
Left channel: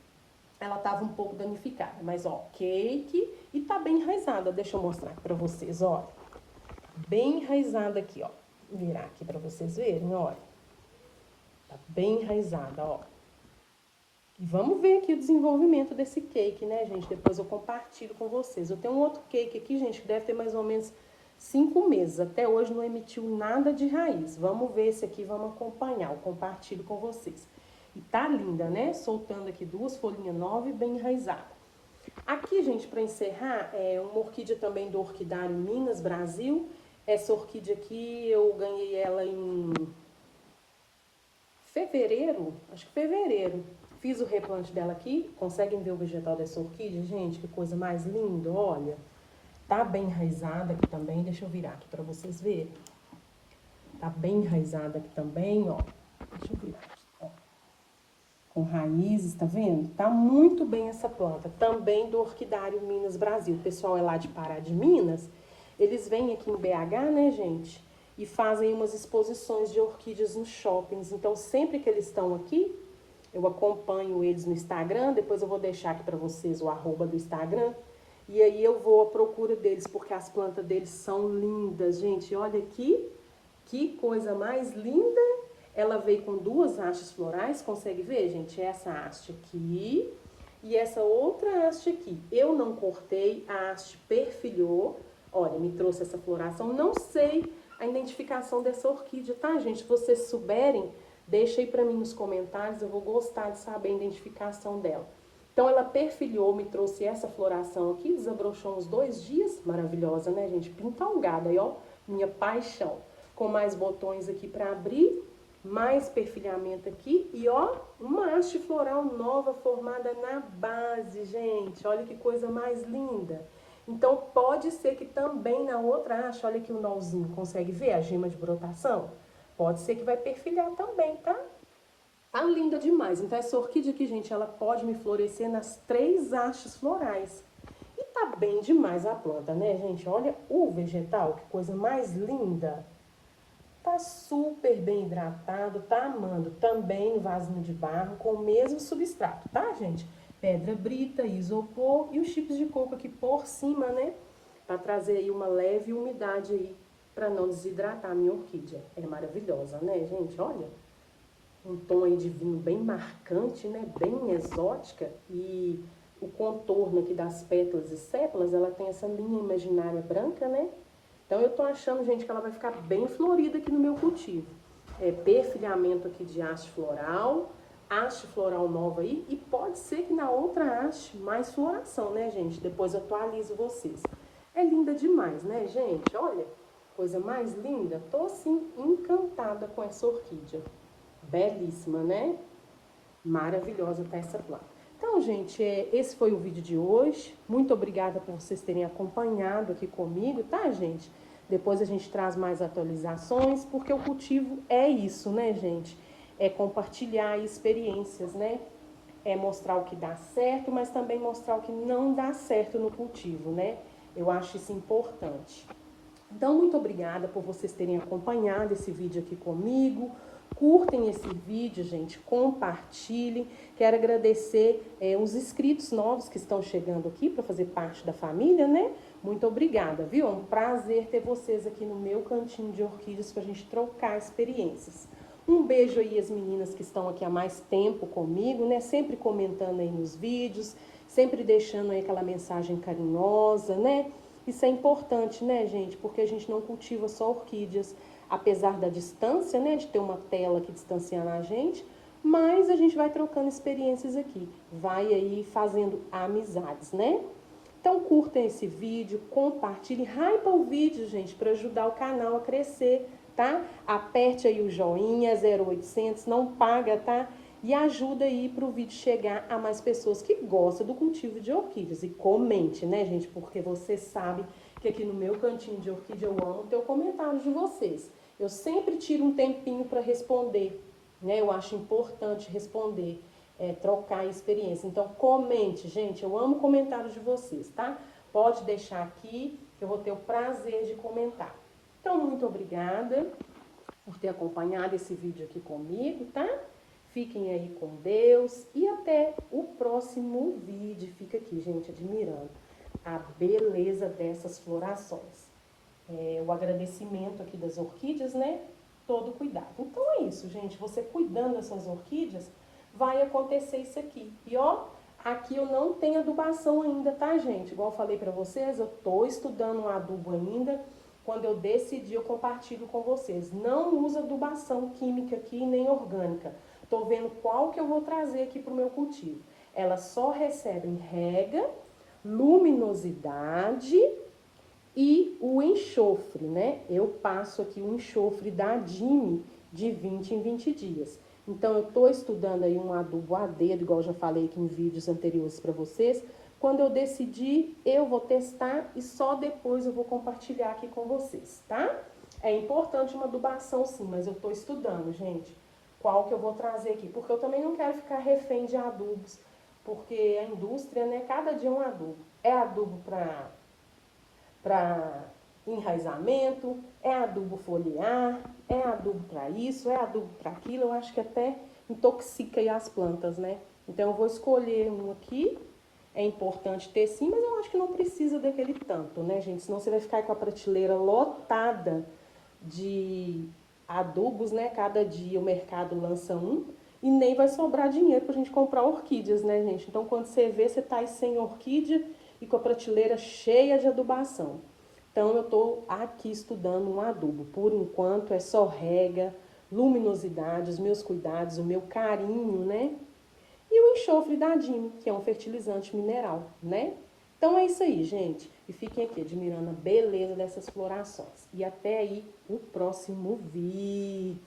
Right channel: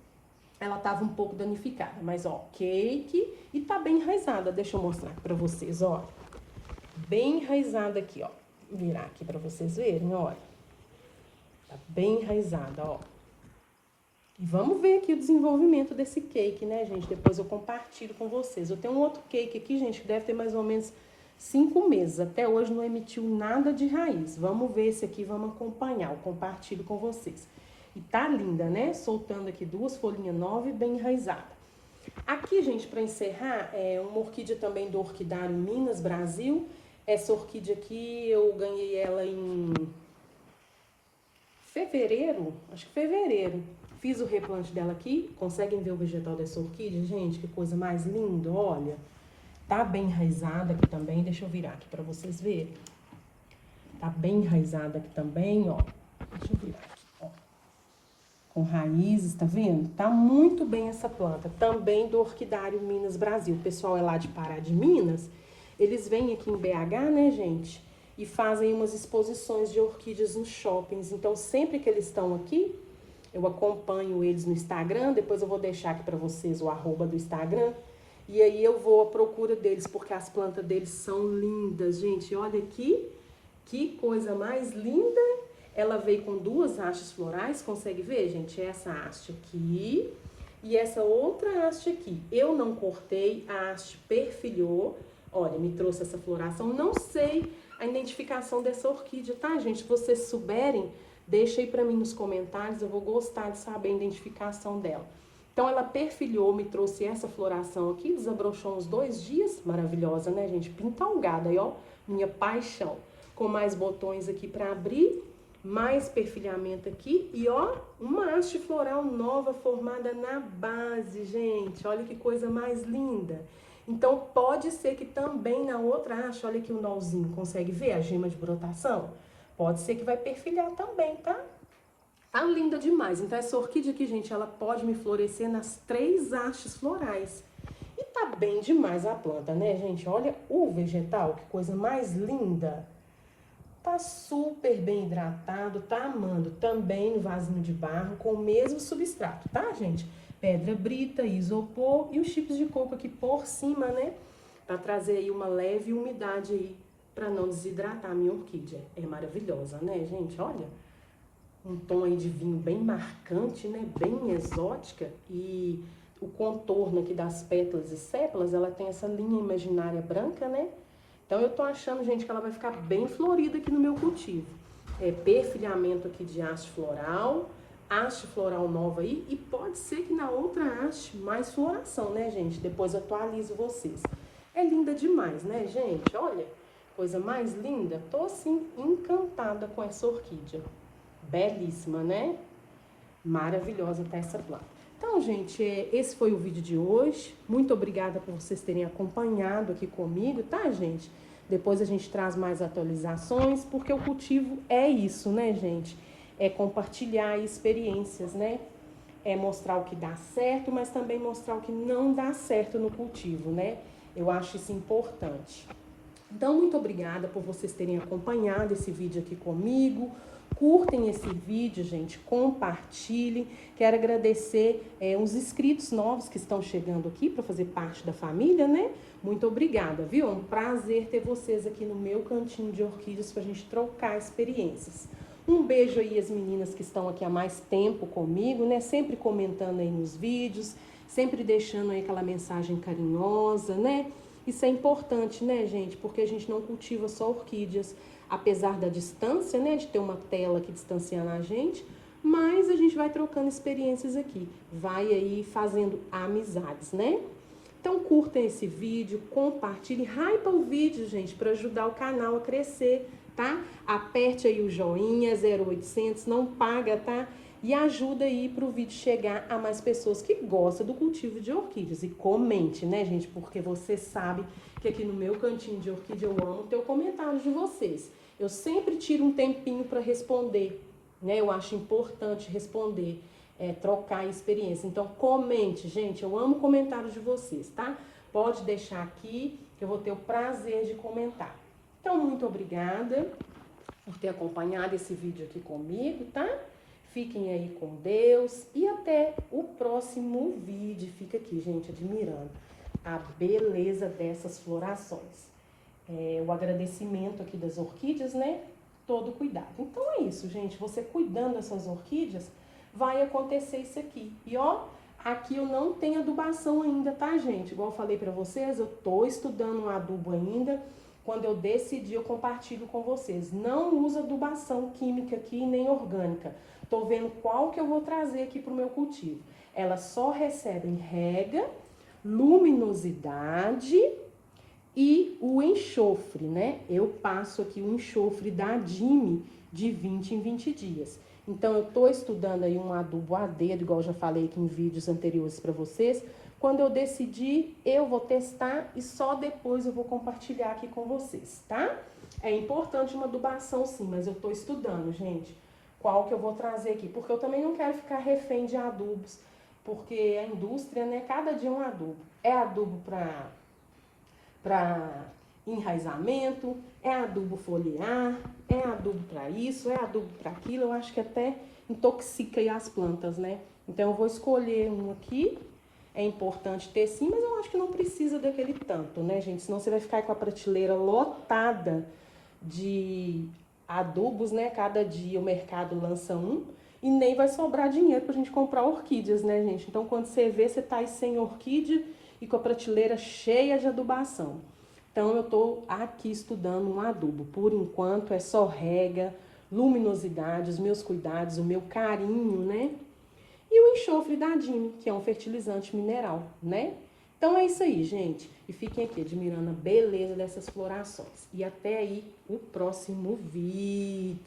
ela tava um pouco danificada. Mas, ó, cake e tá bem enraizada. Deixa eu mostrar aqui pra vocês, olha. Bem enraizada aqui, ó. Vou virar aqui pra vocês verem, olha. Tá bem enraizada, ó. Vamos ver aqui o desenvolvimento desse cake, né, gente? Depois eu compartilho com vocês. Eu tenho um outro cake aqui, gente, que deve ter mais ou menos 5 meses. Até hoje não emitiu nada de raiz. Vamos ver esse aqui, vamos acompanhar. Eu compartilho com vocês. E tá linda, né? Soltando aqui duas folhinhas novas e bem enraizada. Aqui, gente, para encerrar, é uma orquídea também do Orquidário Minas Brasil. Essa orquídea aqui, eu ganhei ela em fevereiro, acho que fevereiro. Fiz o replante dela aqui. Conseguem ver o vegetal dessa orquídea, gente? Que coisa mais linda, olha. Tá bem enraizada aqui também. Deixa eu virar aqui pra vocês verem. Tá bem enraizada aqui também, ó. Deixa eu virar aqui, ó. Com raízes, tá vendo? Tá muito bem essa planta. Também do Orquidário Minas Brasil. O pessoal é lá de Pará de Minas. Eles vêm aqui em BH, né, gente? E fazem umas exposições de orquídeas nos shoppings. Então, sempre que eles estão aqui, eu acompanho eles no Instagram, depois eu vou deixar aqui pra vocês o @ do Instagram. E aí eu vou à procura deles, porque as plantas deles são lindas, gente. Olha aqui, que coisa mais linda. Ela veio com duas hastes florais, consegue ver, gente? Essa haste aqui e essa outra haste aqui. Eu não cortei, a haste perfilhou. Olha, me trouxe essa floração. Não sei a identificação dessa orquídea, tá, gente? Se vocês souberem, deixa aí pra mim nos comentários, eu vou gostar de saber a identificação dela. Então, ela perfilhou, me trouxe essa floração aqui, desabrochou uns 2 dias, maravilhosa, né, gente? Pintalgada aí, ó, minha paixão. Com mais botões aqui pra abrir, mais perfilhamento aqui e, ó, uma haste floral nova formada na base, gente. Olha que coisa mais linda. Então, pode ser que também na outra haste, olha aqui o nozinho, consegue ver a gema de brotação? Pode ser que vai perfilhar também, tá? Tá linda demais. Então, essa orquídea aqui, gente, ela pode me florescer nas 3 hastes florais. E tá bem demais a planta, né, gente? Olha o vegetal, que coisa mais linda. Tá super bem hidratado, tá amando. Também no vasinho de barro, com o mesmo substrato, tá, gente? Pedra brita, isopor e os chips de coco aqui por cima, né? Pra trazer aí uma leve umidade aí, pra não desidratar a minha orquídea. É maravilhosa, né, gente? Olha. Um tom aí de vinho bem marcante, né? Bem exótica. E o contorno aqui das pétalas e sépalas, ela tem essa linha imaginária branca, né? Então, eu tô achando, gente, que ela vai ficar bem florida aqui no meu cultivo. Perfilhamento aqui de haste floral nova aí. E pode ser que na outra haste mais floração, né, gente? Depois eu atualizo vocês. É linda demais, né, gente? Olha, coisa mais linda. Tô, assim, encantada com essa orquídea. Belíssima, né? Maravilhosa tá essa planta. Então, gente, esse foi o vídeo de hoje. Muito obrigada por vocês terem acompanhado aqui comigo, tá, gente? Depois a gente traz mais atualizações, porque o cultivo é isso, né, gente? É compartilhar experiências, né? É mostrar o que dá certo, mas também mostrar o que não dá certo no cultivo, né? Eu acho isso importante. Então, muito obrigada por vocês terem acompanhado esse vídeo aqui comigo. Curtem esse vídeo, gente, compartilhem. Quero agradecer uns inscritos novos que estão chegando aqui para fazer parte da família, né? Muito obrigada, viu? É um prazer ter vocês aqui no meu cantinho de orquídeas para a gente trocar experiências. Um beijo aí às meninas que estão aqui há mais tempo comigo, né? Sempre comentando aí nos vídeos, sempre deixando aí aquela mensagem carinhosa, né? Isso é importante, né, gente? Porque a gente não cultiva só orquídeas, apesar da distância, né, de ter uma tela aqui distanciando a gente, mas a gente vai trocando experiências aqui, vai aí fazendo amizades, né? Então curtam esse vídeo, compartilhem, hypa o vídeo, gente, para ajudar o canal a crescer, tá? Aperte aí o joinha, 0800, não paga, tá? E ajuda aí para o vídeo chegar a mais pessoas que gostam do cultivo de orquídeas. E comente, né, gente? Porque você sabe que aqui no meu cantinho de orquídea eu amo ter o comentário de vocês. Eu sempre tiro um tempinho para responder, né? Eu acho importante responder, trocar experiência. Então, comente, gente. Eu amo comentários de vocês, tá? Pode deixar aqui, que eu vou ter o prazer de comentar. Então, muito obrigada por ter acompanhado esse vídeo aqui comigo, tá? Fiquem aí com Deus e até o próximo vídeo. Fica aqui, gente, admirando a beleza dessas florações. O agradecimento aqui das orquídeas, né? Todo cuidado. Então é isso, gente. Você cuidando dessas orquídeas, vai acontecer isso aqui. E ó, aqui eu não tenho adubação ainda, tá, gente? Igual eu falei pra vocês, eu tô estudando um adubo ainda. Quando eu decidir, eu compartilho com vocês. Não usa adubação química aqui, nem orgânica. Tô vendo qual que eu vou trazer aqui pro meu cultivo. Elas só recebem rega, luminosidade e o enxofre, né? Eu passo aqui o enxofre da Dime de 20 em 20 dias. Então, eu tô estudando aí um adubo a dedo, igual eu já falei aqui em vídeos anteriores para vocês. Quando eu decidir, eu vou testar e só depois eu vou compartilhar aqui com vocês, tá? É importante uma adubação sim, mas eu tô estudando, gente, qual que eu vou trazer aqui. Porque eu também não quero ficar refém de adubos, porque a indústria, né, cada dia é um adubo. É adubo para enraizamento, é adubo foliar, é adubo para isso, é adubo para aquilo. Eu acho que até intoxica aí as plantas, né? Então, eu vou escolher um aqui. É importante ter sim, mas eu acho que não precisa daquele tanto, né, gente? Senão você vai ficar aí com a prateleira lotada de adubos, né? Cada dia o mercado lança um e nem vai sobrar dinheiro pra gente comprar orquídeas, né, gente? Então, quando você vê, você tá aí sem orquídea e com a prateleira cheia de adubação. Então, eu tô aqui estudando um adubo. Por enquanto, é só rega, luminosidade, os meus cuidados, o meu carinho, né? E o enxofre da Dime, que é um fertilizante mineral, né? Então é isso aí, gente. E fiquem aqui admirando a beleza dessas florações. E até aí o próximo vídeo.